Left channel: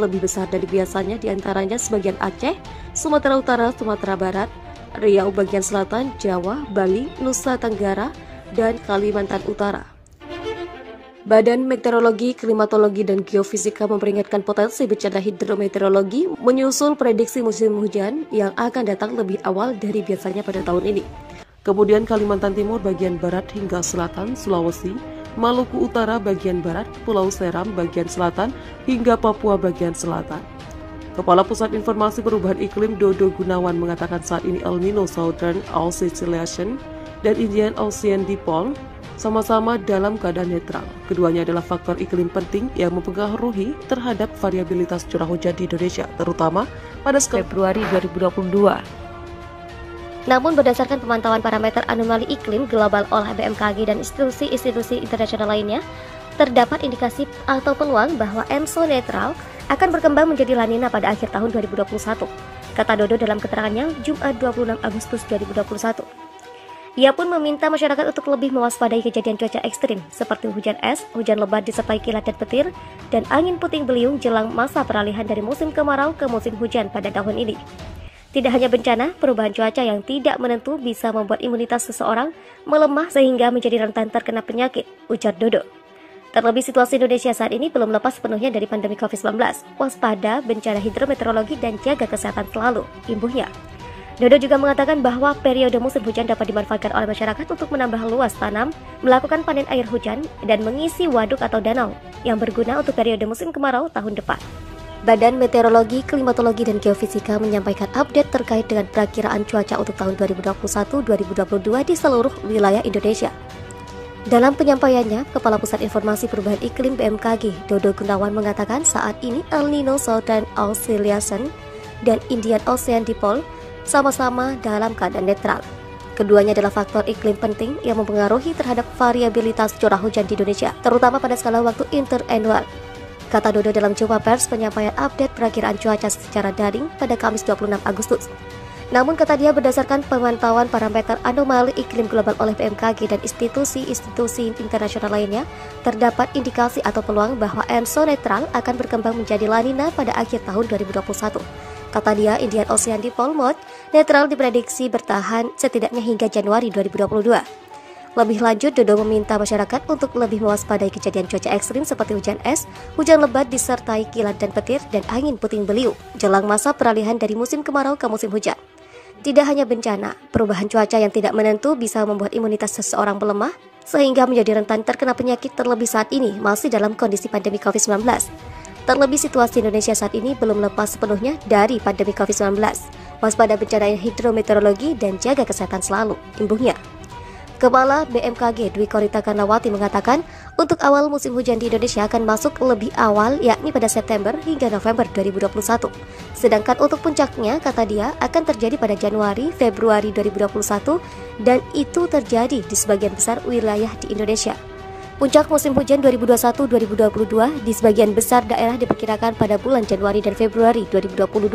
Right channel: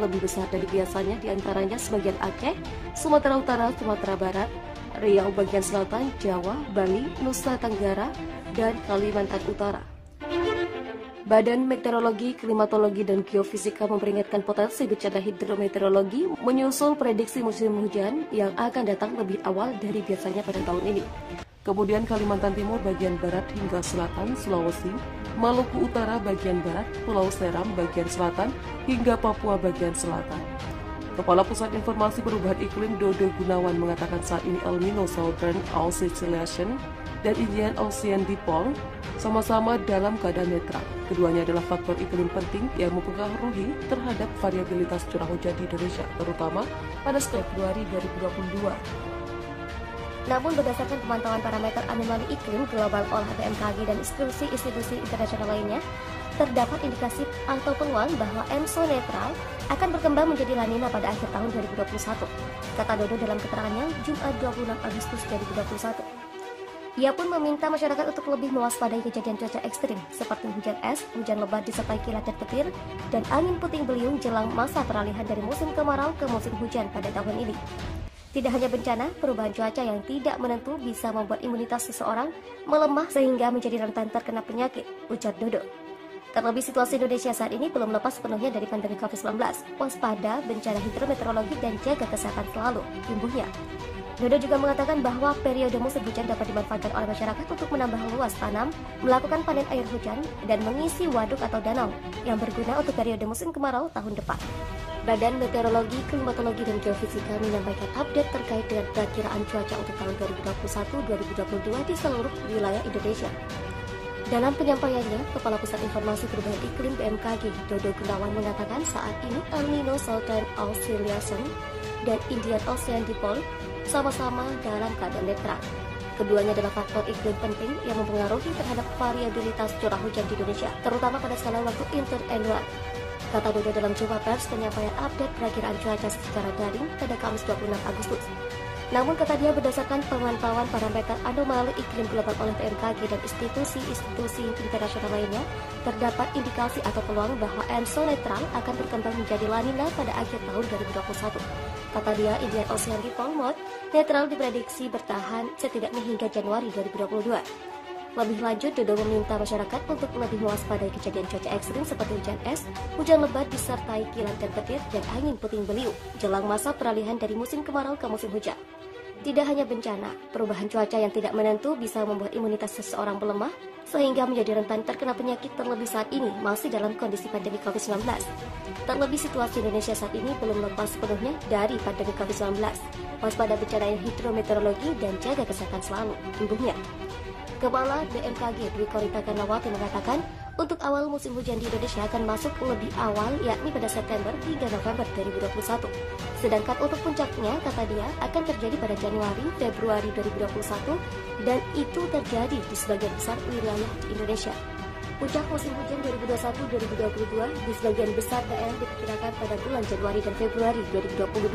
lebih besar dari biasanya, diantaranya sebagian Aceh, Sumatera Utara, Sumatera Barat, Riau bagian selatan, Jawa, Bali, Nusa Tenggara, dan Kalimantan Utara. Badan Meteorologi, Klimatologi, dan Geofisika memperingatkan potensi bencana hidrometeorologi menyusul prediksi musim hujan yang akan datang lebih awal dari biasanya pada tahun ini. Kemudian Kalimantan Timur bagian barat hingga selatan, Sulawesi, Maluku Utara bagian barat, Pulau Seram bagian selatan, hingga Papua bagian selatan. Kepala Pusat Informasi Perubahan Iklim Dodo Gunawan mengatakan saat ini El Nino Southern Oscillation dan Indian Ocean Dipole sama-sama dalam keadaan netral. Keduanya adalah faktor iklim penting yang mempengaruhi terhadap variabilitas curah hujan di Indonesia, terutama pada Februari 2022. Namun berdasarkan pemantauan parameter anomali iklim global oleh BMKG dan institusi-institusi internasional lainnya, terdapat indikasi atau peluang bahwa ENSO netral akan berkembang menjadi La Nina pada akhir tahun 2021, kata Dodo dalam keterangannya Jumat 26 Agustus 2021. Ia pun meminta masyarakat untuk lebih mewaspadai kejadian cuaca ekstrim seperti hujan es, hujan lebat disertai kilat dan petir, dan angin puting beliung jelang masa peralihan dari musim kemarau ke musim hujan pada tahun ini. Tidak hanya bencana, perubahan cuaca yang tidak menentu bisa membuat imunitas seseorang melemah sehingga menjadi rentan terkena penyakit, ujar Dodo. Terlebih situasi Indonesia saat ini belum lepas sepenuhnya dari pandemi COVID-19. Waspada, bencana hidrometeorologi, dan jaga kesehatan selalu, imbuhnya. Dodo juga mengatakan bahwa periode musim hujan dapat dimanfaatkan oleh masyarakat untuk menambah luas tanam, melakukan panen air hujan, dan mengisi waduk atau danau yang berguna untuk periode musim kemarau tahun depan. Badan Meteorologi, Klimatologi, dan Geofisika menyampaikan update terkait dengan perakiraan cuaca untuk tahun 2021-2022 di seluruh wilayah Indonesia. Dalam penyampaiannya, Kepala Pusat Informasi Perubahan Iklim BMKG, Dodo Gunawan mengatakan saat ini El Nino Southern Oscillation dan Indian Ocean Dipole sama-sama dalam keadaan netral. Keduanya adalah faktor iklim penting yang mempengaruhi terhadap variabilitas curah hujan di Indonesia, terutama pada skala waktu interannual. Kata Dodo dalam jumpa pers penyampaian update perakiraan cuaca secara daring pada Kamis 26 Agustus. Namun kata dia berdasarkan pemantauan parameter anomali iklim global oleh BMKG dan institusi-institusi internasional lainnya, terdapat indikasi atau peluang bahwa ENSO netral akan berkembang menjadi La Nina pada akhir tahun 2021. Kata dia, Indian Ocean Dipole Mode netral diprediksi bertahan setidaknya hingga Januari 2022. Lebih lanjut, Dodo meminta masyarakat untuk lebih mewaspadai kejadian cuaca ekstrim seperti hujan es, hujan lebat disertai kilat dan petir, dan angin puting beliung jelang masa peralihan dari musim kemarau ke musim hujan. Tidak hanya bencana, perubahan cuaca yang tidak menentu bisa membuat imunitas seseorang melemah, sehingga menjadi rentan terkena penyakit terlebih saat ini masih dalam kondisi pandemi COVID-19. Terlebih situasi Indonesia saat ini belum lepas sepenuhnya dari pandemi COVID-19. Waspada bencana hidrometeorologi dan jaga kesehatan selalu, imbuhnya. Kepala BMKG Dwi Korita Karnawati mengatakan untuk awal musim hujan di Indonesia akan masuk lebih awal, yakni pada September hingga November 2021. Sedangkan untuk puncaknya, kata dia, akan terjadi pada Januari, Februari 2021 dan itu terjadi di sebagian besar wilayah di Indonesia. Puncak musim hujan 2021-2022 di sebagian besar daerah diperkirakan pada bulan Januari dan Februari 2022.